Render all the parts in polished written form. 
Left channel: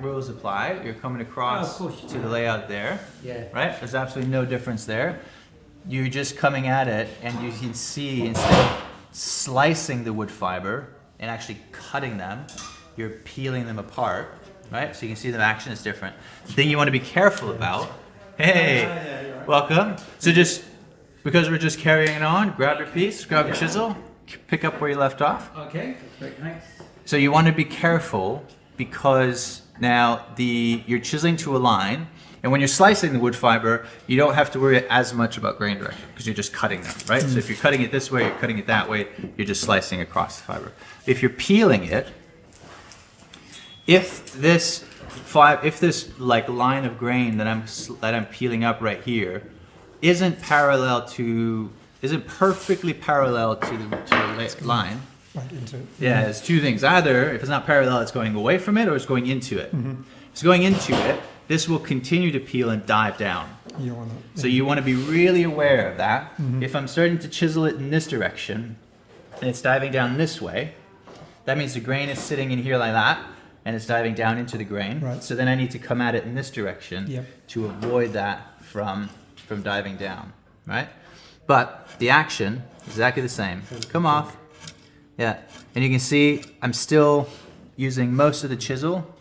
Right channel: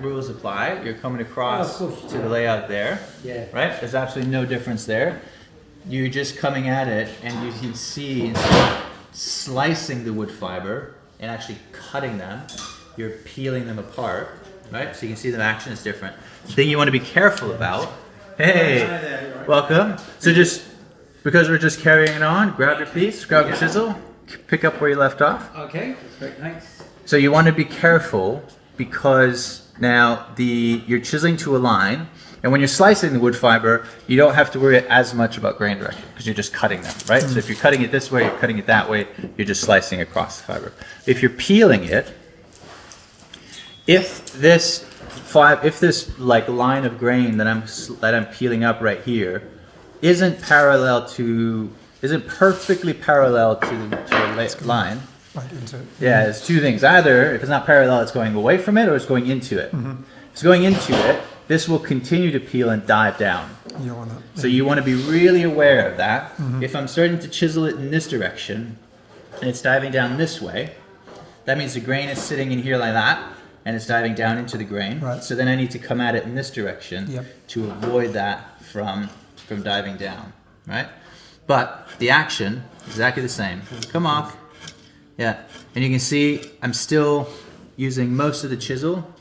rules apply. You're coming across Oh, of course. to the layout there, Yeah. right? There's absolutely no difference there. You're just coming at it, and you can see instead of slicing the wood fiber and actually cutting them, you're peeling them apart, right? So you can see the action is different. The thing you want to be careful about. Hey, welcome. So just because we're just carrying it on, grab your piece, grab your chisel, pick up where you left off. Okay, thanks. So you want to be careful because now you're chiseling to a line, and when you're slicing the wood fiber, you don't have to worry as much about grain direction because you're just cutting them, right? So if you're cutting it this way, you're cutting it that way, you're just slicing across the fiber. If you're peeling it, if this like line of grain that I'm peeling up right here isn't perfectly parallel to the line. Right into it. Yeah, there's two things. Either if it's not parallel, it's going away from it, or it's going into it. If it's going into it, this will continue to peel and dive down. You don't want that. So you want to be really aware of that. If I'm starting to chisel it in this direction, and it's diving down this way, that means the grain is sitting in here like that, and it's diving down into the grain. Right. So then I need to come at it in this direction Yep. to avoid that from diving down, right? But the action is exactly the same. Come off. Yeah, and you can see I'm still using most of the chisel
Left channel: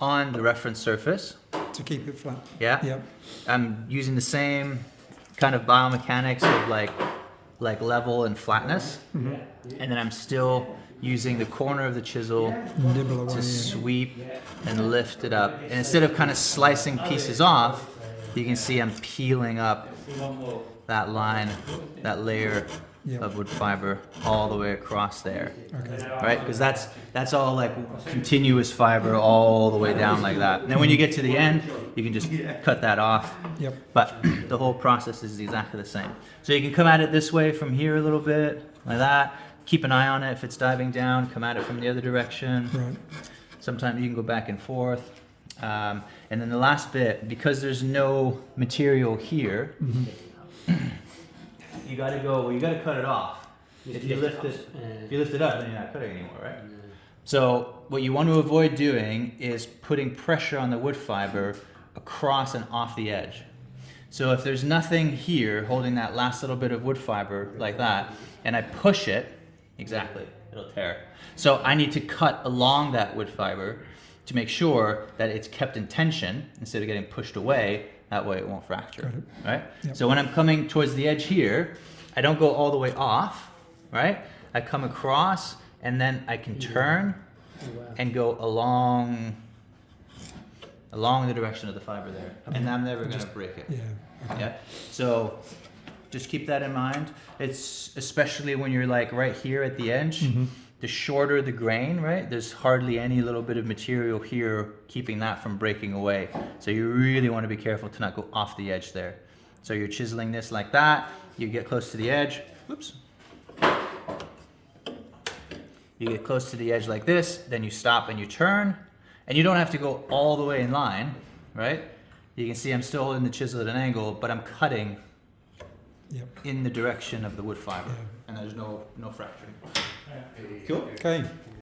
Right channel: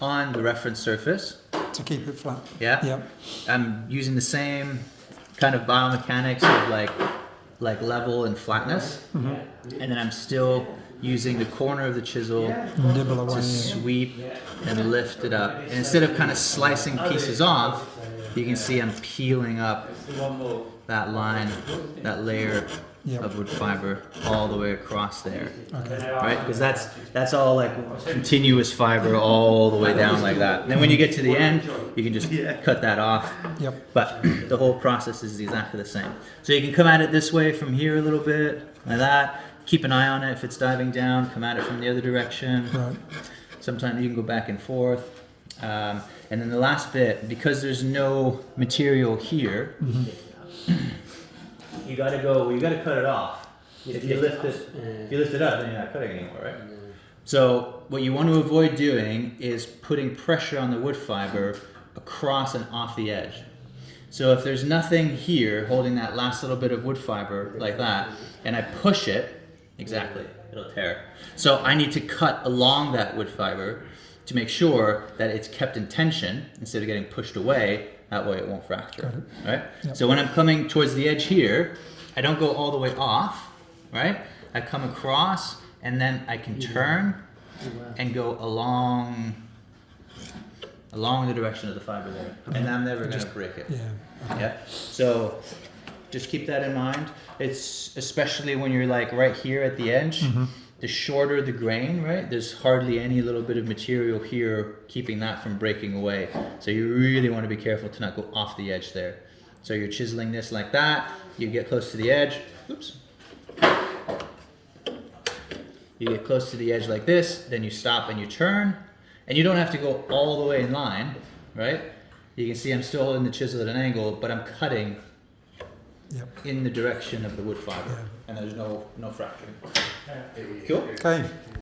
on the reference surface. To keep it flat. Yeah. Yep. I'm using the same kind of biomechanics of like level and flatness, and then I'm still using the corner of the chisel Nibble away. to sweep and lift it up. And instead of kind of slicing pieces off, you can see I'm peeling up that line, that layer Yep. of wood fiber all the way across there, Okay. right? Because that's all like continuous fiber all the way down like that. And when you get to the end, you can just cut that off. Yep. But the whole process is exactly the same. So you can come at it this way from here a little bit, like that. Keep an eye on it. If it's diving down, come at it from the other direction. Right. Sometimes you can go back and forth. And then the last bit, because there's no material here, you gotta cut it off. If you lift it up, then you're not cutting anymore, right? So what you want to avoid doing is putting pressure on the wood fiber across and off the edge. So if there's nothing here holding that last little bit of wood fiber like that, and I push it, exactly, it'll tear. So I need to cut along that wood fiber to make sure that it's kept in tension instead of getting pushed away. That way it won't fracture, right? Yep. So when I'm coming towards the edge here, I don't go all the way off, right? I come across, and then I can turn and go along the direction of the fiber there, and I'm never gonna break it. Yeah. Yeah. So just keep that in mind. It's especially when you're like right here at the edge. The shorter the grain, right? There's hardly any little bit of material here keeping that from breaking away. So you really want to be careful to not go off the edge there. So you're chiseling this like that. You get close to the edge. Oops. You get close to the edge like this. Then you stop and you turn. And you don't have to go all the way in line, right? You can see I'm still holding the chisel at an angle, but I'm cutting in the direction of the wood fiber. And there's no fracturing. Cool? Okay.